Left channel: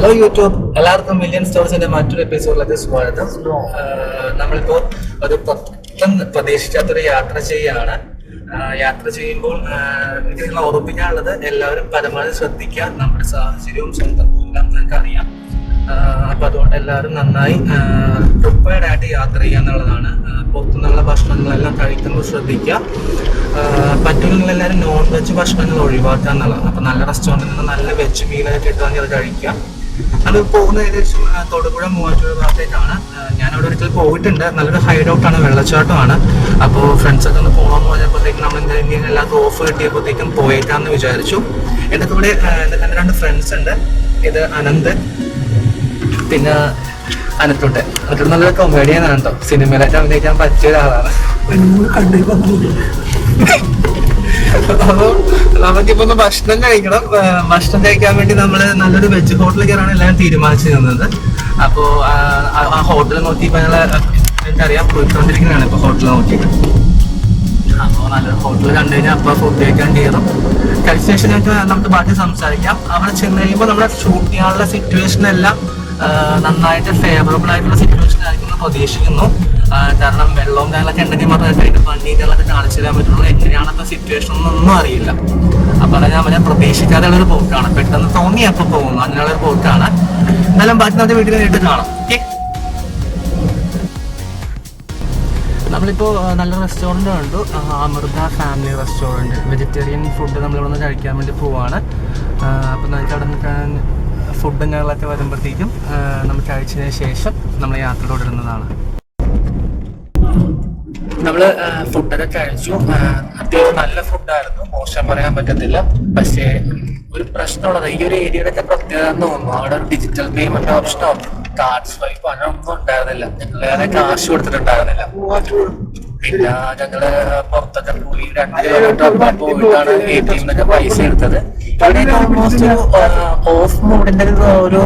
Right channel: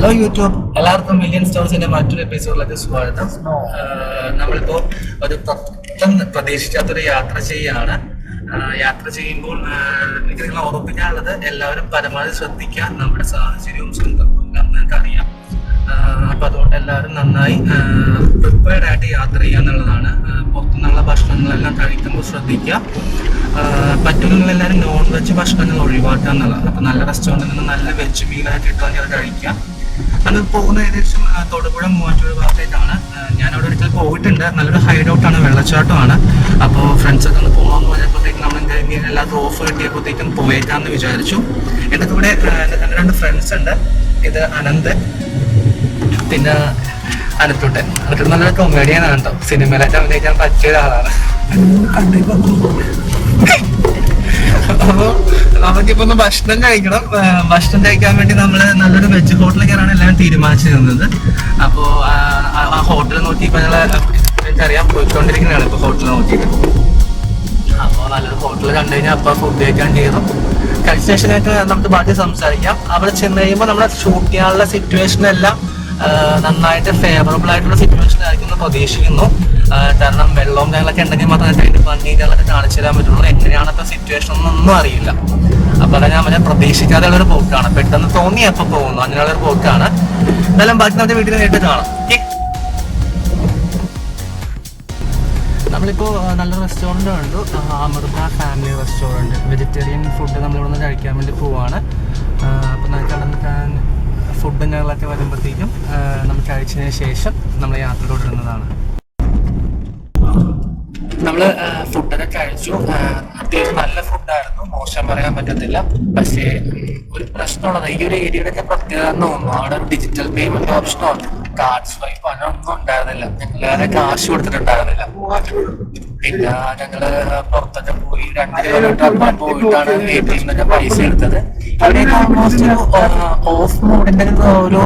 Hello YouTube, എല്ലാവർക്കും million സ്റ്റോർസിന്റെ മറ്റൊരു എപ്പിസോഡിലേക്ക് സ്വാഗതം. നമ്മളിപ്പോ ഒരു പ്രതീക്ഷിക്കാത്തൊരു യാത്ര ചെയ്യാണ്. യാത്ര ചെയ്യുമ്പോൾ എനിക്ക് നിങ്ങളെ ഓർമ്മിപ്പിക്കാനുള്ളത്, എല്ലാവരും പരമാവധി ശ്രദ്ധിക്കുക. നമ്മുടെ സാഹചര്യവും സ്വന്തം എല്ലാം നിങ്ങൾക്ക് അറിയാം. അപ്പൊ അതുകൊണ്ട് എല്ലാവരും നന്നായി പ്രിപ്പയർഡ് ആയിട്ട് യാത്ര ചെയ്യുക എന്നുള്ളതാണ്. പുറത്തുനിന്നുള്ള ഭക്ഷണങ്ങളെല്ലാം കഴിക്കുമ്പോൾ ശ്രദ്ധിക്കുക. പറ്റുമെങ്കിൽ എല്ലാവരും നോൺ വെജ് ഭക്ഷണങ്ങൾ ഒഴിവാക്കുക എന്നുള്ളതാണ്. അപ്പൊ നല്ല റെസ്റ്റോറൻറ്റിൽ നിന്ന് നല്ല വെജ് മീനൊക്കെ കിട്ടുകയാണെങ്കിൽ അത് കഴിക്കുക. അത് പോകുന്ന ഏകദേശം തൊടുപുഴ മൂവാറ്റുപുഴ ഭാഗത്തേക്കാണ്. ഞാനവിടെ ഒരിക്കൽ പോയിട്ടുണ്ട്. നല്ലൊരു ഹൈഡൗട്ടാണ്, വെള്ളച്ചാട്ടമാണ്. അപ്പോൾ ഫ്രണ്ട്സൊക്കെ ഒന്ന് പോകണമെന്ന് പറഞ്ഞപ്പോഴത്തേക്കും നമ്മൾ ഇങ്ങനെ എല്ലാവർക്കും ഓഫ് കിട്ടിയപ്പോഴത്തേക്കും പോയേക്കാന്ന് വിചാരിച്ചു. എൻ്റെ കൂടെ എൻ്റെ 2 ഫ്രണ്ട്സ് ഉണ്ട്. ഇത് അനന്ത്, പിന്നെ അനത്തോട്ടെ. അനത്തോട്ട് നല്ലൊരു കൊമേഡിയനാണ് കേട്ടോ. സിനിമയിലായിട്ട് അഭിനയിക്കാൻ പറ്റിയ ഒരാളാണ്. അപ്പോൾ നമുക്കിപ്പോ ഒന്ന് ഭക്ഷണം കഴിക്കണം. ഭക്ഷണം കഴിക്കാൻ വേണ്ടി നമ്മൾ നല്ലൊരു വെജ് ഹോട്ടലിൽ കയറാണ് എല്ലാവരും തീരുമാനിച്ചിരുന്നത്. അപ്പോൾ ആ ഹോട്ടൽ നോക്കിയപ്പോൾ എനിക്കറിയാം പോയിക്കൊണ്ടിരിക്കുന്നതാണ് ഇപ്പോൾ ഹോട്ടൽ നോക്കിയിട്ട്. അപ്പോൾ നല്ലൊരു ഹോട്ടൽ കണ്ടു കഴിഞ്ഞാൽ അപ്പോൾ ഫുഡ് കഴിക്കാൻ കയറും. കഴിച്ച ശേഷമായിട്ട് നമുക്ക് ബാക്കി സംസാരിക്കാം. അവിടെ ചെന്ന് കഴിയുമ്പോൾ നമ്മുടെ ഷൂട്ട് ചെയ്യാനുള്ള സിറ്റുവേഷൻ എല്ലാം നന്നായിട്ട് ഫേവറബിൾ ആയിട്ടുള്ള സിറ്റുവേഷൻ ആയിരിക്കും എന്ന് പ്രതീക്ഷിക്കുന്നു. കാരണം വെള്ളവും കാര്യങ്ങളൊക്കെ ഉണ്ടെങ്കിൽ മാത്രമേ അതിന്റെ പണികളൊക്കെ കാണിച്ചു തരാൻ പറ്റുള്ളൂ. എങ്ങനെയാണപ്പോൾ സിറ്റുവേഷൻ ഒന്നും അറിയില്ല. അപ്പൊ അത് ഞാൻ പ്രതീക്ഷിക്കാതെയുള്ള ഒരു പോക്കാണ്. പെട്ടെന്ന് തോന്നി എപ്പോൾ പോകുന്നു അങ്ങനെയുള്ള ഒരു പോക്കാണ്. എന്നാലും ബാക്കി നമ്മുടെ വീട്ടിൽ നേരിട്ട് കാണാം. നമ്മളിപ്പോ നല്ല റെസ്റ്റോറൻറ്റ് കണ്ടു, Amrita family restaurant. Vegetarian food നമ്മളിവിടെ നിന്ന് കഴിക്കാൻ വേണ്ടി പോവാണ്. അപ്പം നമുക്ക് അവിടെ നിൽക്കാൻ ഫുഡും ഞങ്ങളൊക്കെ വരുമ്പോഴത്തേക്കും നമ്മൾ കഴിച്ചതിന് ശേഷം നമ്മൾ യാത്ര തുടരുന്നതാണ്. നമ്മൾ ഫുഡൊക്കെ കഴിച്ചു. അത്യാവശ്യം നല്ല ഫുഡായിരുന്നു, മോശം പറയാൻ പറ്റത്തില്ല. പക്ഷേ ഒരു പ്രശ്നമുള്ളത്, ഈ ഒരു ഏരിയയുടെ ഒക്കെ പ്രത്യേകത എന്ന് തോന്നുന്നു, അവിടെ ഒരു ഡിജിറ്റൽ പേയ്മെന്റ് ഓപ്ഷനോ കാർഡ് സ്വൈപ്പ് അങ്ങനൊന്നും ഉണ്ടായിരുന്നില്ല. ഞങ്ങൾ വേറെ കാശ് കൊടുത്തിട്ടുണ്ടായിരുന്നില്ല. പിന്നെ ഞങ്ങള് പുറത്തൊക്കെ പോയി 2 കിലോമീറ്റർ പോയിട്ടാണ് ATM എന്നൊക്കെ പൈസ എടുത്തത്. ഇവിടെ ഓൾമോസ്റ്റ് ഒരു ഓഫ് മോഡിന്റെ ഒരു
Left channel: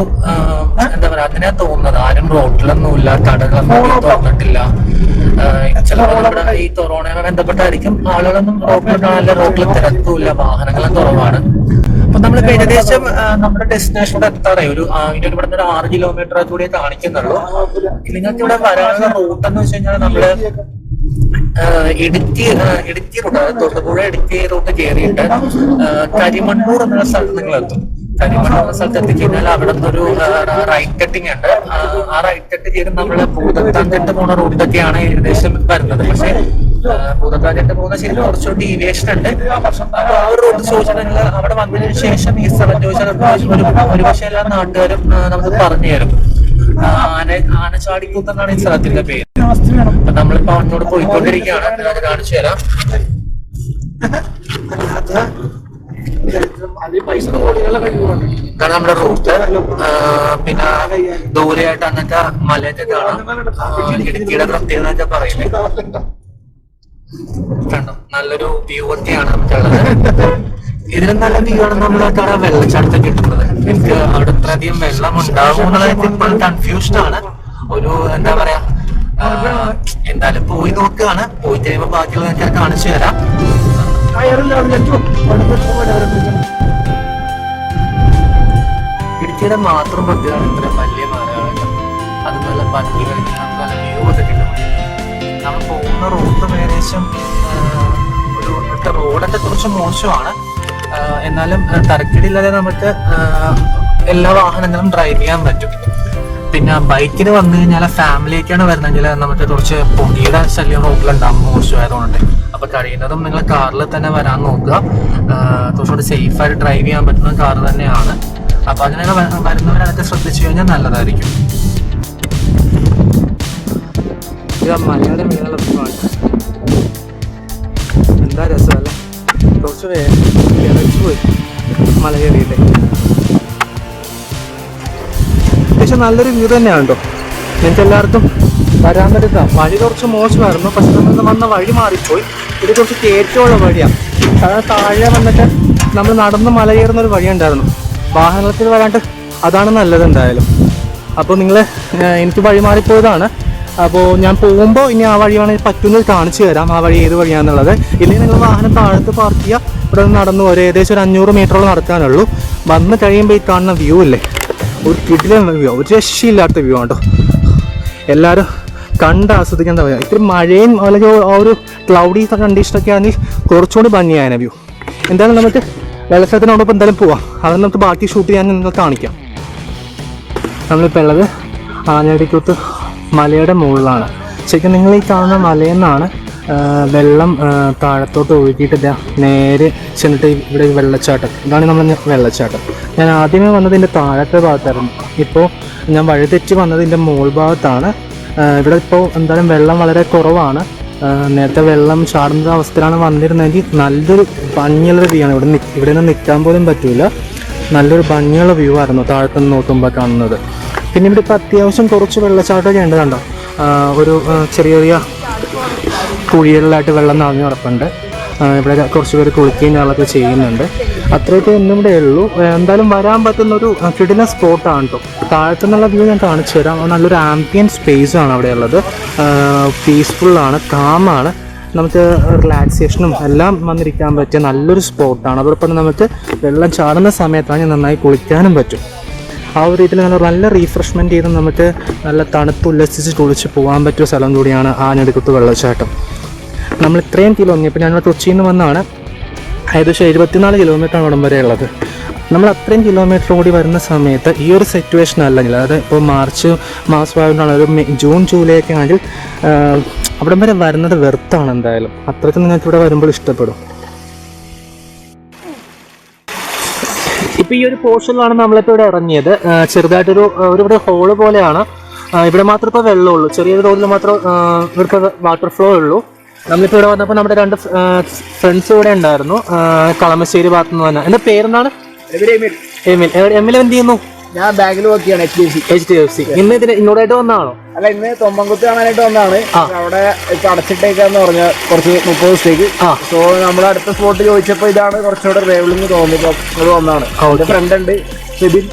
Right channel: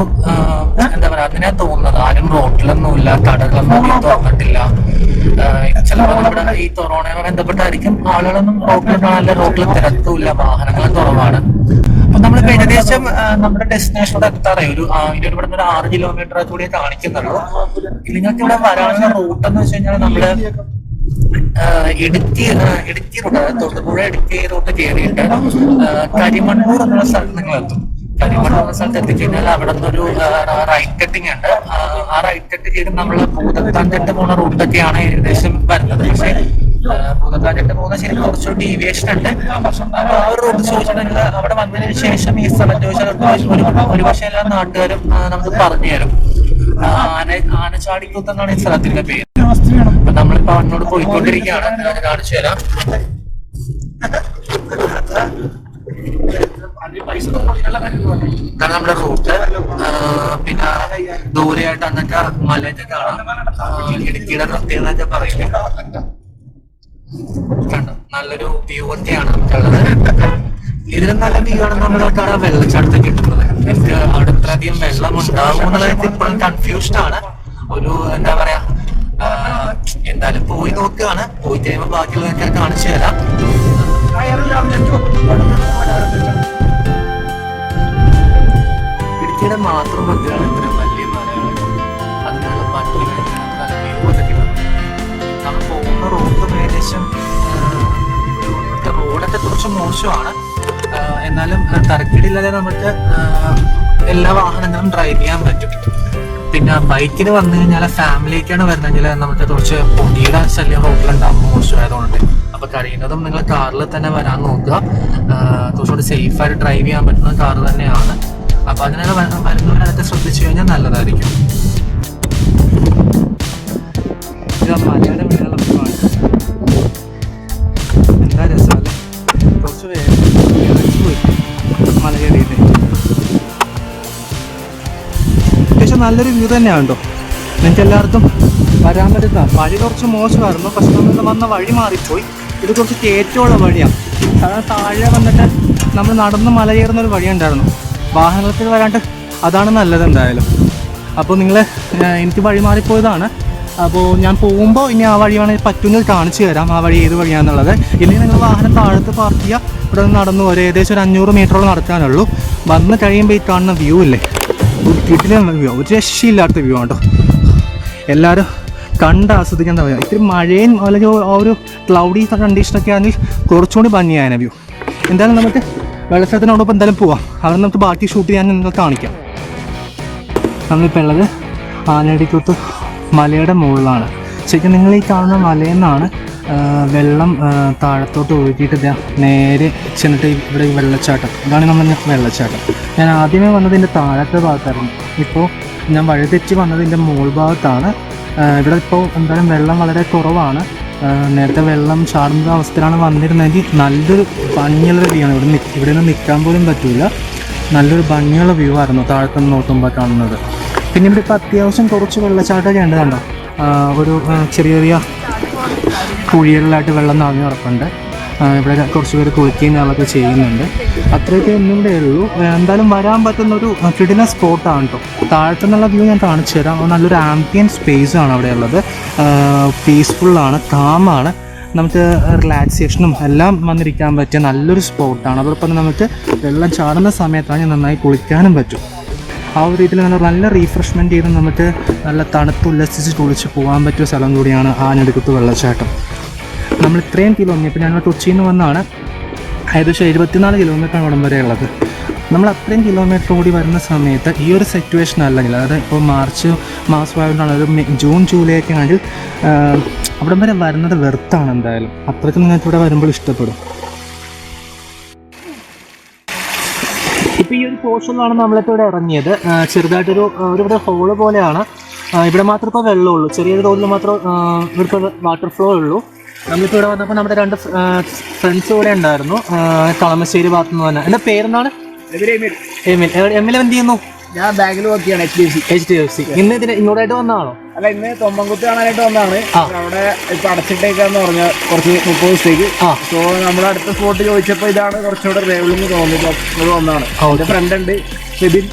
എന്താ പറയാ, അതിനാ തോന്നുന്നത്. ആരും റോട്ടിലൊന്നുമില്ല, കടകളൊന്നും തുറന്നിട്ടില്ല. ചിലപ്പോൾ നമ്മുടെ ഈ കൊറോണയുമായി ബന്ധപ്പെട്ടായിരിക്കും ആളുകളൊന്നും റോട്ടിൽ കാണാനില്ല, റോട്ടിൽ തിരക്കുമില്ല, വാഹനങ്ങളും കുറവാണ്. അപ്പൊ നമ്മളിപ്പോ ഏകദേശം നമ്മുടെ ഡെസ്റ്റിനേഷനോട് എത്താറായി. ഇവിടെ നിന്ന് 6 കിലോമീറ്റർ കൂടി കാണിക്കുന്നുള്ളൂ. നിങ്ങൾക്ക് ഇവിടെ വരാനുള്ള റൂട്ട് എന്ന് വെച്ച് കഴിഞ്ഞാൽ നമ്മള് ഇടുക്കി റൂട്ട്, അതായത് തൊടുപുഴ ഇടുക്കി റൂട്ട് കയറിയിട്ട് കരിമണ്ണൂർ എന്നുള്ള സ്ഥലത്ത് നിങ്ങൾ എത്തും. കരിമണ്ണൂർ എന്ന സ്ഥലത്ത് എത്തിക്കഴിഞ്ഞാൽ അവിടെ നിന്നൊരു റൈറ്റ് കട്ടിങ് ഉണ്ട്. ആ റൈറ്റ് കട്ട് ചെയ്ത് നമ്മള് ഭൂതത്താൻകെട്ട് പോകുന്ന റൂട്ടൊക്കെയാണ് ഏകദേശം വരുന്നത്. പക്ഷെ ഭൂതത്താൻകെട്ട് പോകുന്ന ശരി കുറച്ചൊരു ഡീവിയേഷൻ ഉണ്ട്. അപ്പൊ ആ ഒരു റൂട്ട് ചോദിച്ചിട്ടുണ്ടെങ്കിൽ അവിടെ വന്നതിന് ശേഷം ഈ സ്ഥലം ചോദിച്ചാൽ ഒരു പക്ഷേ എല്ലാ നാട്ടുകാരും നമുക്ക് പറഞ്ഞു തരും. ആനച്ചാടിക്കൂത്ത് എന്നാണ് ഈ സ്ഥലത്തിന്റെ പേര്. അപ്പൊ നമ്മളിപ്പോ അവനോട് പോയിക്കൊണ്ടിരിക്കുകയാണ്. ഞാൻ കാണിച്ചു തരാം. ഇതാണ് നമ്മുടെ റൂട്ട്. പിന്നെ ദൂരെയായിട്ട് എന്നിട്ട് മലയൊക്കെ കാണാം. ഇടുക്കിയുടെ പ്രത്യേകത ഒക്കെ പറയുന്നത് കണ്ടോ, നല്ലൊരു വ്യൂ ഒക്കെയാണ് നമുക്കുള്ളത്. ഇതിലും നല്ല വ്യൂ ആണ് നമ്മളൊക്കെ വെള്ളച്ചാട്ടത്തിൽ കിട്ടുന്നത്. എനിക്ക് അവിടെ ഇത്രയധികം വെള്ളം ഉണ്ടാവും എന്നുള്ളത് ഇപ്പോഴും കൺഫ്യൂഷൻ ആണ്. ഒരു എന്താ പറയാ, എന്തായാലും പോയി നോക്കുകയാണ്. പോയി കഴിയുമ്പോൾ ബാക്കിയുള്ളതൊക്കെ കാണിച്ചു തരാം. ഇടുക്കിയുടെ മാത്രം പ്രത്യേകമാണ് ഇത്രയും വലിയ മലകളൊക്കെ. അത് നല്ല ഭംഗി കഴിഞ്ഞാൽ നമുക്ക് നല്ല വ്യൂ ഒക്കെ കിട്ടും. നമ്മൾ പോകുന്ന റൂട്ടും ഏകദേശം ഒരു റോഡൊക്കെ കുറച്ച് മോശമാണ്. എന്നാലും തരക്കേടില്ലാതെ നമുക്ക് എല്ലാ വാഹനങ്ങളും ഡ്രൈവ് ചെയ്യാൻ പറ്റും. പിന്നെ ബൈക്കിന് വന്നു കഴിഞ്ഞാൽ ഫാമിലിക്കാണ് വരുന്നെങ്കിൽ നമുക്ക് കുറച്ച് പൊടിയുടെ ശല്യം റോട്ടിലുണ്ടാകും മോശമായതുകൊണ്ട്. അപ്പൊ കഴിയുന്നതും നിങ്ങൾ കാറിൽ തന്നെ വരാൻ നോക്കുക. കുറച്ചുകൂടി സേഫായിട്ട് ഡ്രൈവ് ചെയ്യാൻ പറ്റുന്ന കാർ തന്നെയാണ്. അപ്പൊ അങ്ങനെ വരുന്നവരതൊക്കെ ശ്രദ്ധിച്ചു കഴിഞ്ഞാൽ നല്ലതായിരിക്കും. ഇത് മലയുടെ മീനുള്ള വ്യൂവാണ്. എന്താ രസമല്ലേ, കുറച്ച് ഇറച്ചു പോയി മല കയറിയിട്ട്. അത്യാവശ്യം നല്ലൊരു വ്യൂ തന്നെയാണ് കേട്ടോ. നിങ്ങൾക്ക് എല്ലാവർക്കും വരാൻ പറ്റുന്ന വഴി കുറച്ച് മോശമായിരുന്നു. പക്ഷെ നമ്മൾ വന്ന വഴി മാറിപ്പോയി. ഇത് കുറച്ച് കയറ്റമുള്ള വഴിയാണ്. സാധാരണ താഴെ വന്നിട്ട് നമ്മൾ നടന്ന് മല കയറുന്ന ഒരു വഴി ഉണ്ടായിരുന്നു. വാഹനത്തിൽ വരാണ്ട് അതാണ് നല്ലത് എന്തായാലും. അപ്പോൾ എനിക്ക് വഴി മാറിപ്പോയതാണ്. അപ്പോൾ ഞാൻ പോകുമ്പോൾ ഇനി ആ വഴി വേണമെങ്കിൽ പറ്റുന്നത് കാണിച്ചു തരാം, ആ വഴി ഏത് വഴിയാണെന്നുള്ളത്. ഇല്ലെങ്കിൽ നിങ്ങൾ വാഹനം താഴത്ത് പാർക്ക് ചെയ്യുക. ഇവിടെ നിന്ന് നടന്നു ഏകദേശം ഒരു 500 മീറ്ററോളം നടക്കാനുള്ളൂ. വന്ന് കഴിയുമ്പോൾ ഈ കാണുന്ന വ്യൂ ഇല്ലേ, ഒരു കിടിലൻ വ്യൂ, ഒരു രക്ഷയില്ലാത്ത വ്യൂ ആണ് കേട്ടോ. എല്ലാവരും കണ്ട് ആസ്വദിക്കാൻ പറയാം. ഇത്തിരി മഴയും അല്ലെങ്കിൽ ആ ഒരു ക്ലൗഡി കണ്ടീഷനൊക്കെ ആണെങ്കിൽ കുറച്ചുകൂടി ഭംഗിയായ വ്യൂ. എന്തായാലും നമുക്ക് വെള്ളച്ചാട്ടത്തിനോടൊപ്പം എന്തായാലും പോവാം. അവിടെ നമുക്ക് ബാക്കി ഷൂട്ട് ചെയ്യാൻ നിങ്ങൾക്ക് കാണിക്കാം. നമ്മളിപ്പോൾ ഉള്ളത് ആനയടിക്കുത്ത് മലയുടെ മുകളിലാണ്. ശരിക്കും നിങ്ങൾ ഈ കാണുന്ന മലയിൽ നിന്നാണ് വെള്ളം താഴത്തോട്ട് ഒഴുകിയിട്ട് നേരെ ചെന്നിട്ട് ഇവിടെ ഈ വെള്ളച്ചാട്ടം, ഇതാണ് നമ്മൾ വെള്ളച്ചാട്ടം. ഞാൻ ആദ്യമേ വന്നതിൻ്റെ താഴത്തെ ഭാഗത്തായിരുന്നു. ഇപ്പോൾ ഞാൻ വഴിതെറ്റി വന്നതിൻ്റെ മുകൾ ഭാഗത്താണ്. ഇവിടെ ഇപ്പോൾ എന്തായാലും വെള്ളം വളരെ കുറവാണ്. നേരത്തെ വെള്ളം ചാടുന്ന അവസ്ഥയിലാണ് വന്നിരുന്നതെങ്കിൽ നല്ലൊരു ഭംഗിയുള്ള വ്യൂ ആണ്. ഇവിടെ നിന്ന് നിൽക്കാൻ പോലും പറ്റില്ല. നല്ലൊരു ഭംഗിയുള്ള വ്യൂ ആയിരുന്നു താഴത്തു നിന്ന് നോക്കുമ്പോൾ കാണുന്നത്. പിന്നെ ഇവിടെ ഇപ്പോൾ അത്യാവശ്യം കുറച്ച് വെള്ളച്ചാട്ടമൊക്കെ ഉണ്ട്. കണ്ടോ, ഒരു ചെറിയ ചെറിയ കുഴികളിലായിട്ട് വെള്ളം നിറഞ്ഞു കിടപ്പുണ്ട്. ഇവിടെ കുറച്ച് പേര് കുളിക്കുകയും ഞാനൊക്കെ ചെയ്യുന്നുണ്ട്. അത്രയൊക്കെ ഒന്നും ഇവിടെ ഉള്ളൂ. എന്തായാലും വരാൻ പറ്റുന്നൊരു കിടിലൻ സ്പോട്ടാണ് കേട്ടോ. താഴത്തുനിന്നുള്ള വ്യൂ ഞാൻ കാണിച്ചു തരാം. നല്ലൊരു ആംബിയൻ സ്പേസ് ആണ് അവിടെ ഉള്ളത്. പീസ്ഫുള്ളാണ്, കാമാണ്. നമുക്ക് റിലാക്സേഷനും എല്ലാം വന്നിരിക്കാൻ പറ്റിയ നല്ലൊരു സ്പോട്ടാണ്. അതോടൊപ്പം നമുക്ക് വെള്ളം ചാടുന്ന സമയത്താണ് നന്നായി കുളിക്കാനും പറ്റും. ആ ഒരു രീതിയിൽ നല്ല റീഫ്രഷ്മെൻറ്റ് ചെയ്ത് നമുക്ക് നല്ല തണുത്ത് ഉല്ലസിച്ച് കുളിച്ച് പോകാൻ പറ്റിയ സ്ഥലം കൂടിയാണ് ആനയടിക്കുത്ത് വെള്ളച്ചാട്ടം. നമ്മൾ ഇത്രയും കിലോമീറ്റർ, ഇപ്പോൾ ഞങ്ങൾ കൊച്ചിയിൽ നിന്ന് വന്നാണ്, ഏകദേശം 74 കിലോമീറ്ററാണ് ഇവിടം വരെ ഉള്ളത്. നമ്മൾ അത്രയും കിലോമീറ്റർ കൂടി വരുന്ന സമയത്ത് ഈ ഒരു സിറ്റുവേഷൻ അല്ലെങ്കിൽ, അതായത് ഇപ്പോൾ മാർച്ച് മാസമായതുകൊണ്ടാണ്, ഒരു ജൂൺ ജൂലൈ ഒക്കെ ആണെങ്കിൽ അവിടം വരെ വരുന്നത് വെറുത്താണ്. എന്തായാലും അത്രയ്ക്ക് നിങ്ങൾക്ക് ഇവിടെ വരുമ്പോൾ ഇഷ്ടപ്പെടും. ഇപ്പോൾ ഈ ഒരു പോർഷനിലാണ് നമ്മളിപ്പോൾ ഇവിടെ ഇറങ്ങിയത്. ചെറുതായിട്ടൊരു ഇവിടെ ഹോള് പോലെയാണ്. ഇവിടെ മാത്രം ഇപ്പോൾ വെള്ളമുള്ളൂ, ചെറിയൊരു തോതിൽ മാത്രം ഇവിടുത്തെ വാട്ടർ ഫ്ലോ ഉള്ളൂ. നമ്മളിപ്പോൾ ഇവിടെ വന്നപ്പോൾ നമ്മുടെ 2 ഫ്രണ്ട്സ് ഇവിടെ ഉണ്ടായിരുന്നു, കളമശ്ശേരി ഭാഗത്തു നിന്ന് തന്നെ. എൻ്റെ പേരെന്താണ്? എമിൽ എന്ത് ചെയ്യുന്നു? ഞാൻ ബാങ്കിൽ വർക്ക് ചെയ്യാണ്, HDFC. ഇന്ന് ഇങ്ങോട്ടായിട്ട് വന്നതാണോ? അല്ല, ഇന്ന് തൊമ്മൻകുത്ത് കാണാനായിട്ട് വന്നതാണ്. അവിടെ ഇപ്പൊ അടച്ചിട്ടേക്കാന്ന് പറഞ്ഞ കുറച്ച് 30 ദിവസത്തേക്ക്. സോ നമ്മുടെ അടുത്ത സ്പോട്ട് ചോദിച്ചപ്പോ ഇതാണ് കുറച്ചുകൂടെ റേവിളിങ് തോന്നിയപ്പോ ഇവിടെ വന്നതാണ്. എന്റെ ഫ്രണ്ട് ഉണ്ട് ഫെബിൻ,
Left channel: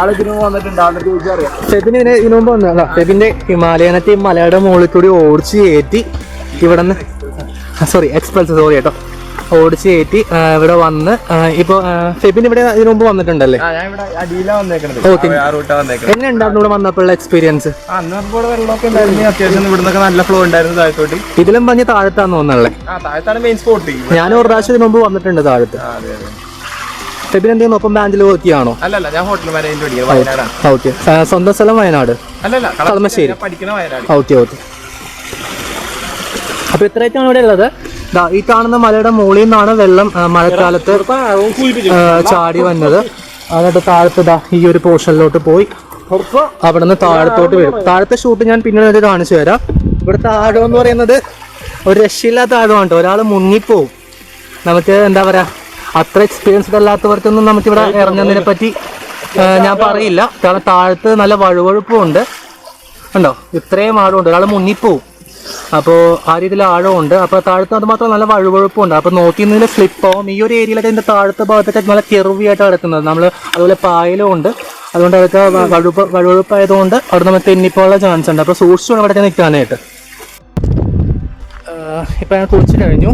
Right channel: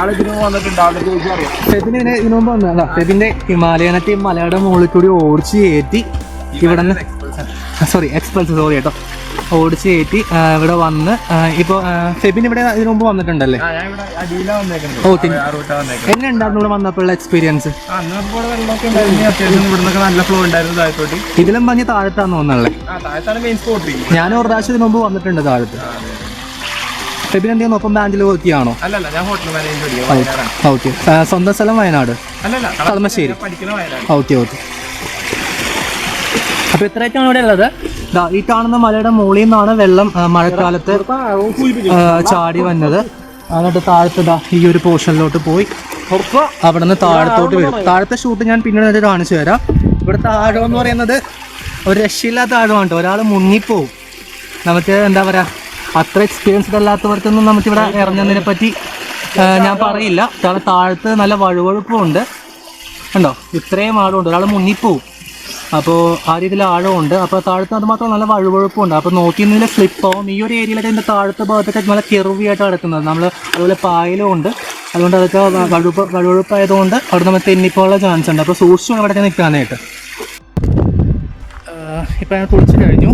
ആള് ഇതിനു വന്നിട്ടുണ്ട്, ആളെ ചോദിച്ചറിയാം. ഫെബിന് ഇതിനു മുമ്പ് വന്നതാ. ഫെബിന്റെ ഹിമാലയനത്തെ മലയുടെ മുകളിൽ കൂടി ഓടിച്ച് കയറ്റി ഇവിടെ നിന്ന്, എക്സ്പ്രസ് കേട്ടോ, ഓടിച്ച് കയറ്റി ഇവിടെ വന്ന് ഇപ്പോൾ ഫെബിൻ ഇവിടെ ഇതിനു മുമ്പ് വന്നിട്ടുണ്ടല്ലേ? എങ്ങനെ ഉണ്ടായിരുന്നു ഇവിടെ വന്നപ്പോഴുള്ള എക്സ്പീരിയൻസ്? അത്യാവശ്യം ഇവിടുന്നൊക്കെ നല്ല ഫ്ലോ ഉണ്ടായിരുന്നു താഴത്തോട്ട്. ഇതിലും പറഞ്ഞ് താഴത്താന്ന് തോന്നുന്നല്ലേ? Main spot. ഞാൻ ഒരു പ്രാവശ്യം ഇതിനു മുമ്പ് വന്നിട്ടുണ്ട് താഴത്ത്. ഫെബിൻ എന്ത് ചെയ്യുന്നു? ഒപ്പം ബാങ്കിൽ വർക്ക് ചെയ്യാണോ? അല്ലല്ല, ഞാൻ ഹോട്ടൽ മാനേജ്മെന്റ്. ഓക്കെ. സ്വന്തം സ്ഥലം വയനാട്? അല്ലല്ല, കളമശ്ശേരി. വയനാട്. ഓക്കെ. അപ്പോൾ ഇത്രയൊക്കെയാണ് ഇവിടെ ഉള്ളത്. ഈ കാണുന്ന മലയുടെ മുകളിൽ നിന്നാണ് വെള്ളം മഴക്കാലത്ത് ചാടി വന്നത്. എന്നിട്ട് താഴത്ത് ഈ ഒരു പോർഷനിലോട്ട് പോയി അവിടെ നിന്ന് താഴത്തോട്ട് വരും. താഴത്തെ ഷൂട്ട് ഞാൻ പിന്നീട് കാണിച്ചു തരാം. ഇവിടുത്തെ ആഴം എന്ന് പറയുന്നത് ഒരു രക്ഷയില്ലാത്ത ആഴമാണ് കേട്ടോ. ഒരാൾ മുങ്ങിപ്പോവും. നമുക്ക് എന്താ പറയുക, അത്ര എക്സ്പീരിയൻസ്ഡ് അല്ലാത്തവർക്കൊന്നും നമുക്കിവിടെ ഇറങ്ങുന്നതിനെ പറ്റി ഞാൻ പറയില്ല. കാരണം താഴത്ത് നല്ല വഴുവഴുപ്പുണ്ട്. ഉണ്ടോ, ഇത്രയും ആഴമുണ്ട്, ഒരാൾ മുങ്ങിപ്പോവും. അപ്പോൾ ആ രീതിയിൽ ആഴമുണ്ട്. അപ്പോൾ താഴത്ത് അത് മാത്രം നല്ല വഴുവഴുപ്പുണ്ട്. അപ്പോൾ നോക്കിയിരുന്നതിൽ സ്ലിപ്പാവും. ഈ ഒരു ഏരിയയിലൊക്കെ ഇതിൻ്റെ താഴത്തെ ഭാഗത്തൊക്കെ നല്ല കെറുവിയായിട്ട് കിടക്കുന്നത്. നമ്മൾ അതുപോലെ പായലും ഉണ്ട്. അതുകൊണ്ട് അതൊക്കെ വഴുവഴുപ്പായതുകൊണ്ട് അവിടെ നമുക്ക് തെന്നിപ്പോയുള്ള ചാൻസ് ഉണ്ട്. അപ്പോൾ സൂക്ഷിച്ചു അവിടെ നിൽക്കാനായിട്ട്. ഇപ്പം ഞാൻ കുളിച്ച് കഴിഞ്ഞു.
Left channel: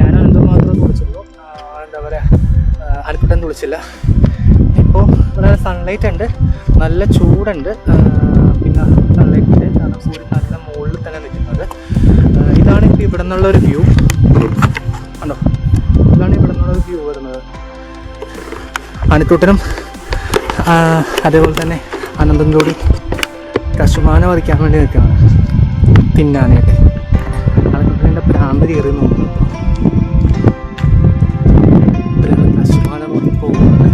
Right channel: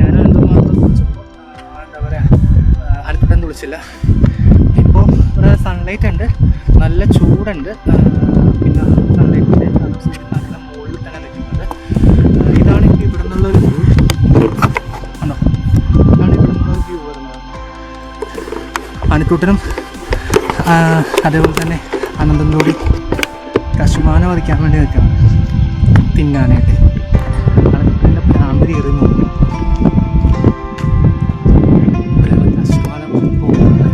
ഞാനും എന്തും മാത്രം കുളിച്ചപ്പോൾ എന്താ പറയുക, അൽക്കുട്ടൻ കുളിച്ചില്ല. ഇപ്പോൾ ഇവിടെ സൺലൈറ്റ് ഉണ്ട്, നല്ല ചൂടുണ്ട്. പിന്നെ സൺലൈറ്റ് ഉണ്ട്, കാരണം സൂര്യൻ നല്ല മുകളിൽ തന്നെ നിൽക്കുന്നത്. ഇതാണ് ഇപ്പോൾ ഇവിടെ നിന്നുള്ളൊരു വ്യൂ. ഉണ്ടോ, ഇതാണ് ഇവിടെ നിന്നുള്ളൊരു വ്യൂ വരുന്നത്. അനിക്കുട്ടനും അതേപോലെ തന്നെ അനന്തം കൂടി കശുമാന വധിക്കാൻ വേണ്ടി നിൽക്കണം, തിന്നാനായിട്ട്. അനിക്കുട്ടൻ്റെ പ്രാന്ത് കയറി നോക്കുന്നു. ഇപ്പോൾ ഞങ്ങൾ കശുമാന നോക്കി പോവുകയാണ്.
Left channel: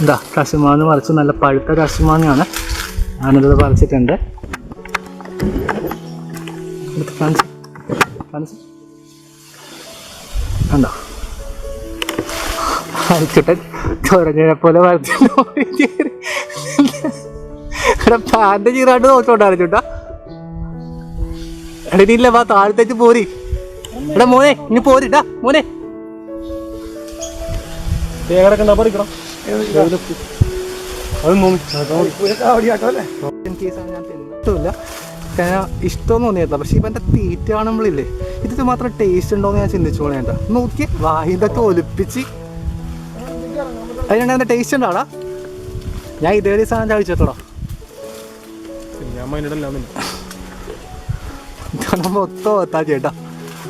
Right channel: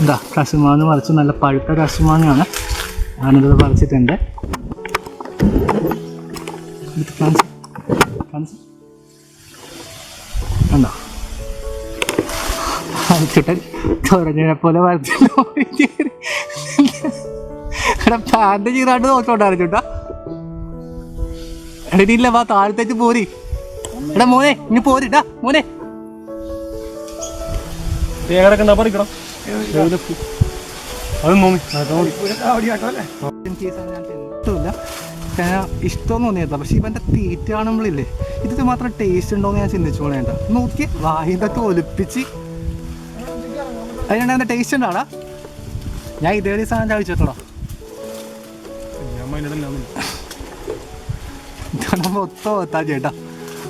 എന്താ, കശുമാങ്ങ പറിച്ച് നല്ല പഴുത്ത കശുമാങ്ങയാണ്. ഞാനിത് പറിച്ചിട്ടുണ്ട്. കണ്ടോ, അരിച്ചുട്ടൻ ചൊരഞ്ഞിനെ പോലെ വരച്ചിട്ട് പാൻ്റെ ചീറാണ്ട് നോക്കോട്ടെ അരിച്ചുട്ടാ. എടീല്ല, വാ താഴത്തേക്ക് പോരി. എടാ മോനെ, ഇനി പോരിട്ടാ മോനെ. പറിക്കണം. ഇഷ്ടമില്ല, ഇഷ്ടമെന്ന് തോന്നിയില്ല. പക്ഷെ ഇവൻ്റെ തീറ്റ കാണുമ്പോഴില്ലേ ഇത് മാത്രം ടേസ്റ്റ് ഉണ്ടോയെന്ന് ഞാൻ ചിന്തിച്ചു പോണേണ്ട. നോക്കി വായിതൊക്കെ ഒലിപ്പിച്ച് അതിനുണ്ടാകുന്ന ടേസ്റ്റ് ഉണ്ടാടാ. ഞാൻ ഇതേ സാധനം കഴിച്ചിട്ടോടാ. മൊത്തം ഒത്താ ചേട്ടാ.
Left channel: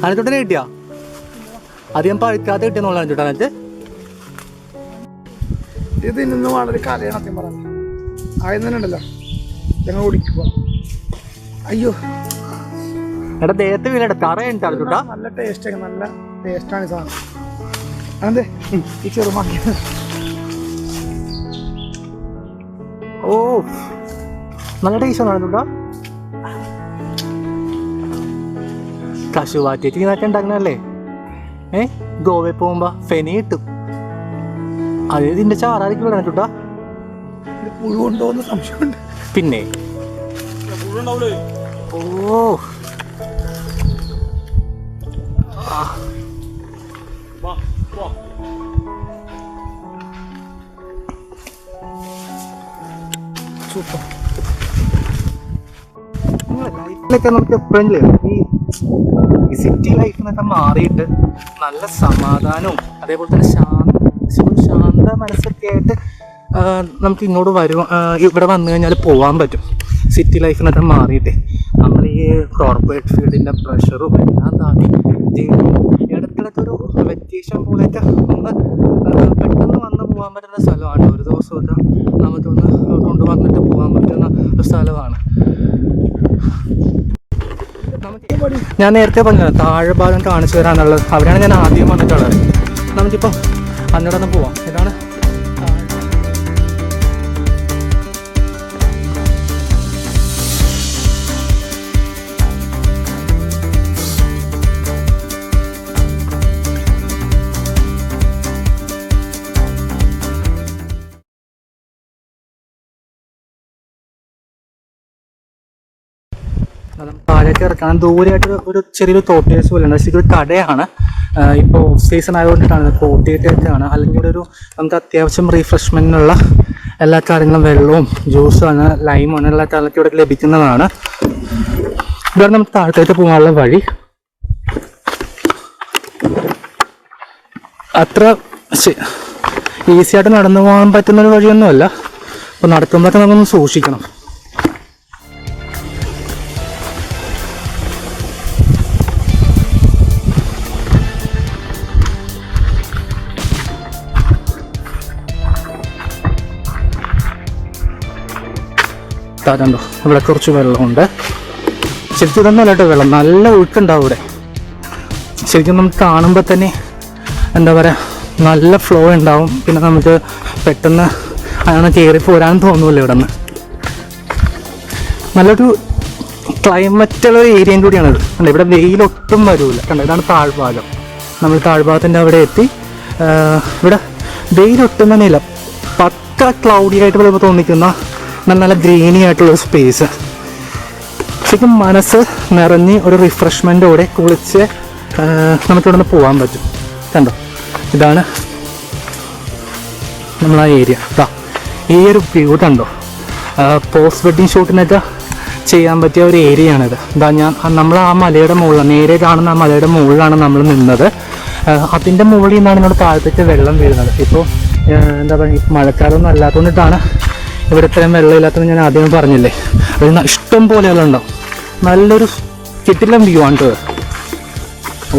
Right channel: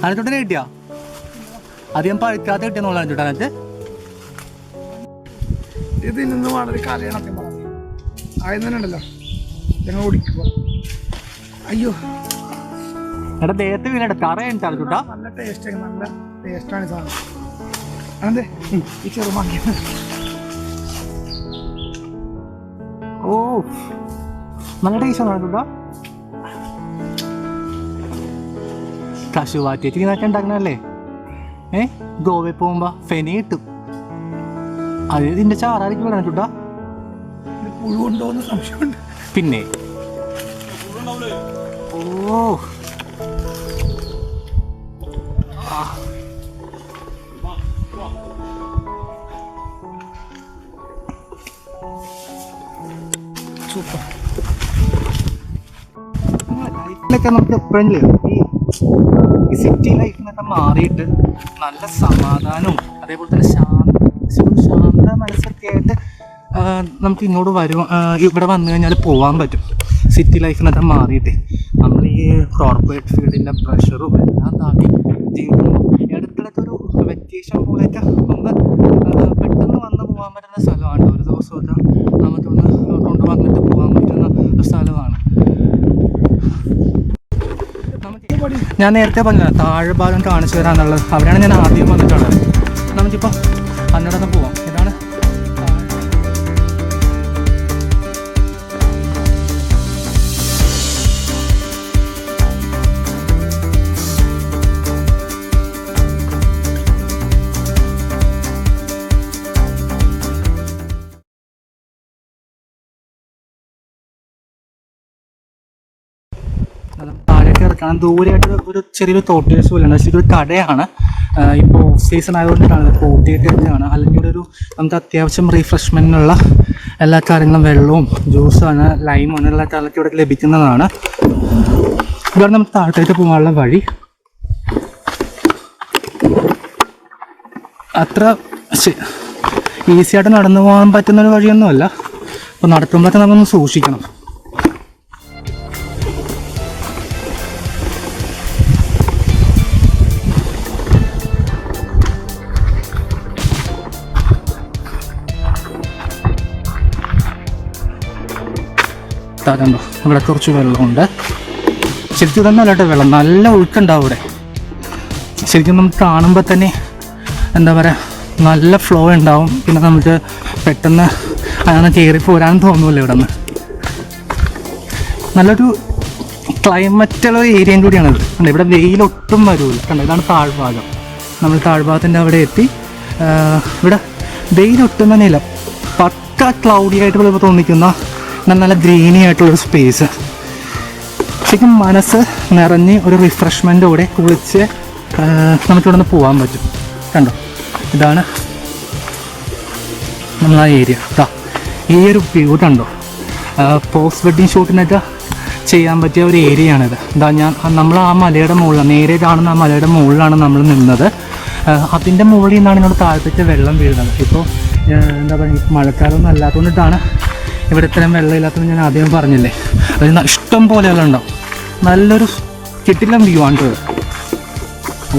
അതിനോട്ടനെ കിട്ടിയാ അധികം പഴുക്കാതെ കിട്ടിയെന്നുള്ള ചേട്ടാ. അതിനകത്ത് ഇത് ഇന്ന് വളരെ കലയണത്യം പറഞ്ഞു ആദ്യം തന്നെ ഉണ്ടല്ലോ ഞങ്ങൾ ഓടിക്കുക. അയ്യോ എടാ ദേഹത്ത് വീണ കറയുണ്ടാണ് ചേട്ടാ. നല്ല ടേസ്റ്റ്, നല്ല ടേസ്റ്റാണ് സാധനം. അതെ ഈ ചെറുമാക്കി. ഓ നല്ല ടേസ്റ്റ് ആണ് ചേട്ടാ. കശുവാറ്റേക്ക് ഇതൊക്കെ ഉണ്ടാക്കണല്ലേ? ഗോവയിൽ പോകുമ്പോ ഫെനി കിട്ടും. അത് ഇതിന്റെ ചാറായിരിക്കും വേണം ചേട്ടാ. പുഴുണ്ടോന്ന് സംശയമുണ്ട്. പിന്നെ ഓ സൂപ്പർ. ലൈഫിലൊക്കെ നമുക്ക് എപ്പോഴെങ്കിലും ഈ സിറ്റി ലൈഫിൽ നിന്നൊക്കെ മാറിയിട്ട് നല്ല സമാധാനവും അതേപോലെ തന്നെ ഒരു ശാന്ത മനസ്സൊക്കെ ആയിട്ട് നമുക്ക് ഇങ്ങോട്ട് ഇവിടെ വന്നു കഴിഞ്ഞാൽ പോകാൻ പറ്റും. സിറ്റി ലൈഫിൽ നിന്നൊക്കെ മാറിയിട്ട് നമ്മൾ ഈ കോർപ്പറേറ്റ് ഫീൽഡിൻ്റെ പ്രഷറും എല്ലാം താണ്ടി ജീവിക്കുമ്പോൾ ഇടയ്ക്കിടയ്ക്ക് ഒരു വെക്കേഷൻ പോലെയൊക്കെ ഒന്ന് പെട്ടെന്ന് വന്ന് പോകാൻ പറ്റുന്ന സ്ഥലമാണ്. ഒരു ദിവസമൊക്കെ നമുക്കൊന്ന് കൊണ്ടുവന്നിട്ട് പോകാൻ പറ്റുന്ന ഒരു സ്ഥലമാണ്. ഞാൻ നേരത്തെ പറഞ്ഞത് താഴെ ഭാഗം കാണിച്ചു തരാന്നുള്ളത്. അവിടെയാണ് ഞാൻ ആദ്യം വന്നിട്ടുള്ളത്. നമുക്കിപ്പോൾ അങ്ങോട്ടൊന്ന് പോവാം. ഇതാണ് താഴേക്ക് ഇറക്കണം. ദൂരെയായിട്ട് ഒരു ചെറിയൊരു തോട്ടേഴ്സ് പോലെ ഉണ്ട്. പക്ഷേ ഇതൊരു കടയാണ്. ഇപ്പോൾ ഓഫ് സീസൺ ആയതുകൊണ്ടിട്ടാണ് തോട്ടിയിട്ടാണ്. അല്ലെങ്കിൽ ഇവിടെ നമുക്ക് അത്യാവശ്യം റീഫ്രഷ്മെൻറ്റിനുള്ള എല്ലാ കാര്യങ്ങളും വെള്ളവും ജ്യൂസാണ് ലൈമാണ് എല്ലാ കാര്യങ്ങളൊക്കെ ഇവിടെ ലഭിക്കുന്നതാണ്. ഇവിടെ നമുക്ക് താഴത്തേക്ക് പോകാനുള്ള വഴി അത്ര ഈസിയായിട്ട് നടന്നു പോകാൻ പറ്റുന്നൊരു വഴിയൊന്നുമല്ല. അപ്പോൾ നടക്കുമ്പോഴൊക്കെ നമുക്കൊന്ന് സൂക്ഷിക്കണം. കണ്ടോ ഇവിടെ കുറച്ച് വെള്ളമുണ്ട്. ശരിക്കും ഇതൊന്നും കേട്ടോ വെള്ളം നല്ല ഒഴുക്കുണ്ടാവും ഇവിടെ. ശരിക്കും നമുക്ക് കാണുമ്പോൾ തന്നെ എന്താ പറയുക നല്ല ഫ്ലോ ഉണ്ടാവും. പിന്നെ നമുക്ക് പെട്ടെന്ന് അങ്ങനെ കയറി പോരാൻ തോന്നുമല്ലോ ഇവിടെ നിന്ന്. നല്ലൊരു ക്ലൈമറ്റുള്ള ഒരു ഏരിയയും കൂടിയാണിത്. കണ്ടോ ഇവിടെ വെയിലൊട്ടും വരില്ല. കണ്ടോ ഇതാണ് താഴ്ഭാഗം. നമ്മൾ താഴ്ഭാഗത്തിൻ്റെ അവിടെ എത്തി. ഇവിടെ വെയിലൊട്ടും തന്നെ ഇല്ല. പക്ക ക്ലൗഡി ആയിട്ട് ചിലപ്പോൾ തോന്നിക്കുന്ന നല്ല ഗ്രീനി ആയിട്ടുള്ളൊരു സ്പേസ്. ശരിക്കും മനസ്സ് നിറഞ്ഞ് ഒരു റിഫ്രഷ്മെൻറ്റോടെ കുളിച്ച് നമുക്കിവിടെ നിന്ന് പോകാൻ പറ്റും. കണ്ടോ ഇതാണ് നമ്മളാ ഏരിയ. ഈ ഒരു വ്യൂ കണ്ടോ. പോസ്റ്റ് വെഡ്ഡിങ് ഷൂട്ടിനൊക്കെ ചെയ്യാൻ പറ്റിയ ഒരു ഏരിയയാണിത്. നമ്മൾ ആ മലയുടെ മുകളിലാണ്, നേരെ കാണുന്ന ആ മലയുടെ മുകളിലാണ് നമ്മൾ നിന്നത്. അതിൻ്റെ മുകളിൽ നിന്നാണ് ഇങ്ങോട്ട് താഴത്തേക്ക് വെള്ളം വീഴുന്നത്. ഇപ്പോൾ എന്താ പറയുക മഴക്കാലമൊന്നും അല്ലാത്തതുകൊണ്ടിട്ടാണ് ഇവിടെ ഇത്രയും വെള്ളമില്ലാത്തത് ഞാൻ ആദ്യം പറഞ്ഞില്ലേ. അത് ഇഷ്ടം പോലെ വെള്ളം ഉണ്ടാവും. നല്ലൊരു കിട്ടില്ല വ്യൂ ആണ് കേട്ടോ.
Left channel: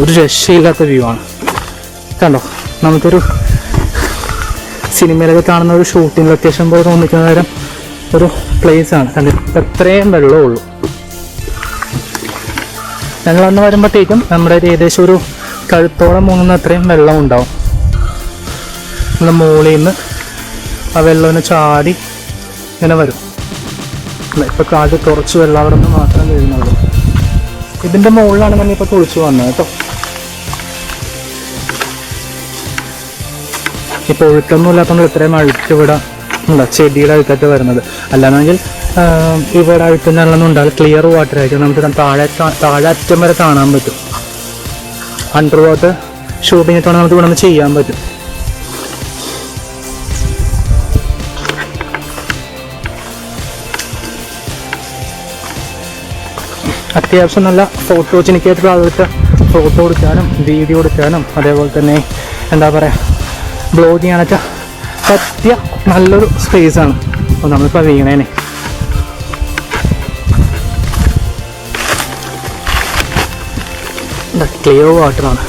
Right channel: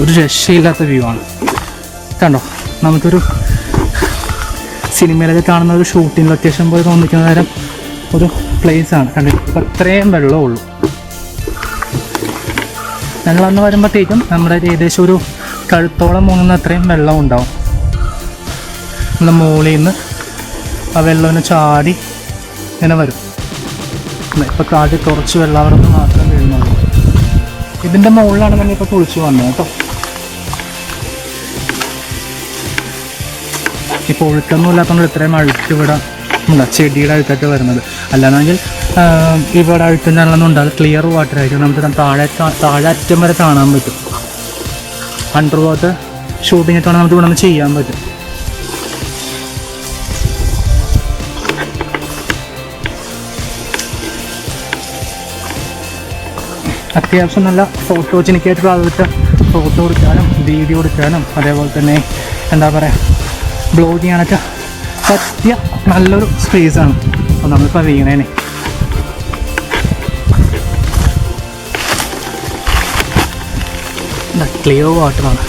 ഒരു രക്ഷയില്ലാത്ത വ്യൂ ആണ്. കണ്ടോ നമുക്കൊരു സിനിമയിലൊക്കെ കാണുന്ന ഒരു ഷൂട്ടിംഗ് ലൊക്കേഷൻ പോലെ തോന്നിക്കുന്ന തരം ഒരു പ്ലേസാണ്. കണ്ടു അത്രയും വെള്ളമേ ഉള്ളൂ. ഞങ്ങളന്ന് വരുമ്പോഴത്തേക്കും നമ്മുടെ ഏകദേശം ഒരു കഴുത്തോളം മൂന്നുന്ന അത്രയും വെള്ളം ഉണ്ടാവും. നമ്മൾ മുകളിൽ നിന്ന് ആ വെള്ളം ചാടി ഇങ്ങനെ വരും. ഇപ്പോൾ കാട് കുറച്ച് വെള്ളം അവിടെ നിന്ന് മാത്രം വീഴുന്നുള്ളൂ. ഇതിൻ്റെ മുകളിലാണ് നമ്മൾ ഇപ്പോൾ കുളിച്ച് വന്നത് കേട്ടോ. ഇപ്പോൾ ഒഴുക്കൊന്നും ഇല്ലാത്തതുകൊണ്ട് ഇത്രയും അഴുക്ക് ഇവിടെ ഉണ്ടാ ചെടിയുടെ അഴുക്കൊക്കെ വരുന്നത്. അല്ലാന്നെങ്കിൽ ഇവിടെ അഴുക്കുന്ന വെള്ളമൊന്നും ഉണ്ടാവില്ല. ക്ലിയർ വാട്ടർ ആയിരിക്കും. നമുക്ക് താഴെ അറ്റം വരെ കാണാൻ പറ്റും. അണ്ടർ വാട്ടർ ഷൂട്ടിംഗ് ഒക്കെ നമുക്ക് ഇവിടെ നിന്ന് ചെയ്യാൻ പറ്റും. അത്യാവശ്യം നല്ല ഫോട്ടോജനിക്കായിട്ടുള്ള ആളുകൾക്ക് ഫോട്ടോ എടുക്കാനും വീഡിയോ എടുക്കാനും അതേപോലെ തന്നെ എന്താ പറയുക ബ്ലോഗ് ചെയ്യാനൊക്കെ പറ്റിയ നല്ലൊരു സ്പേസാണ്. അപ്പോൾ നമ്മളിപ്പോൾ വീണേനെ ക്ലിയർ വാട്ടറാണ്.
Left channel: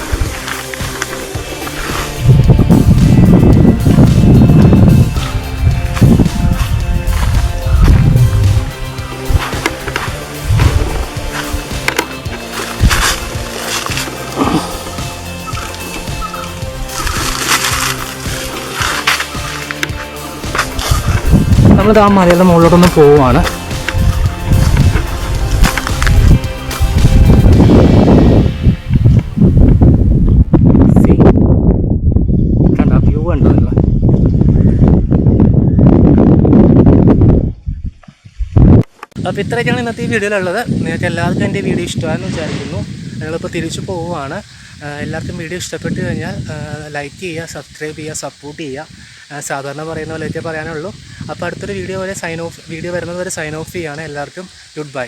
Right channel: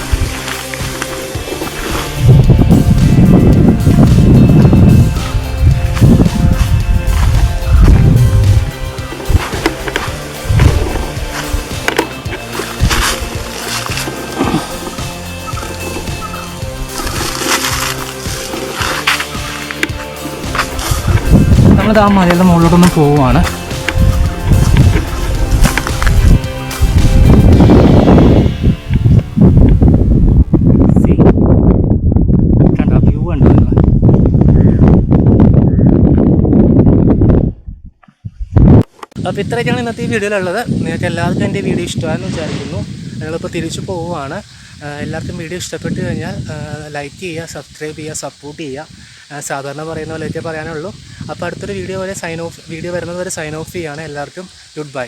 നമ്മളിത് ആ മലയുടെ മുകളിലോട്ടൊന്ന് പോവുകയാണ്. കണ്ട വ്യൂ കണ്ടോ നിങ്ങൾ? അപ്പോൾ ഇത്രയൊക്കെയാണ് ഇന്നത്തെ ഈ വീഡിയോയിലുള്ളത്. നിങ്ങൾക്ക് എല്ലാവർക്കും എൻ്റെ വീഡിയോ ഇഷ്ടമായെന്ന് വിചാരിക്കുന്നു. ഞങ്ങളിപ്പോൾ തിരിച്ചു പോവുകയാണ്. എല്ലാവർക്കും വീഡിയോ ഇഷ്ടപ്പെട്ട് കഴിഞ്ഞാൽ ലൈക്ക് ചെയ്യുക, സബ്സ്ക്രൈബ് ചെയ്യുക, സപ്പോർട്ട് ചെയ്യുക. സാധാരണ പറയുന്ന പോലെയൊക്കെ പറയാനുള്ളൂ. അപ്പോൾ അടുത്തൊരു വീഡിയോ വരുന്നത് വരെ സൈൻ ഓഫ് ചെയ്യുകയാണ്. എല്ലാവർക്കും ഗുഡ് ബൈ.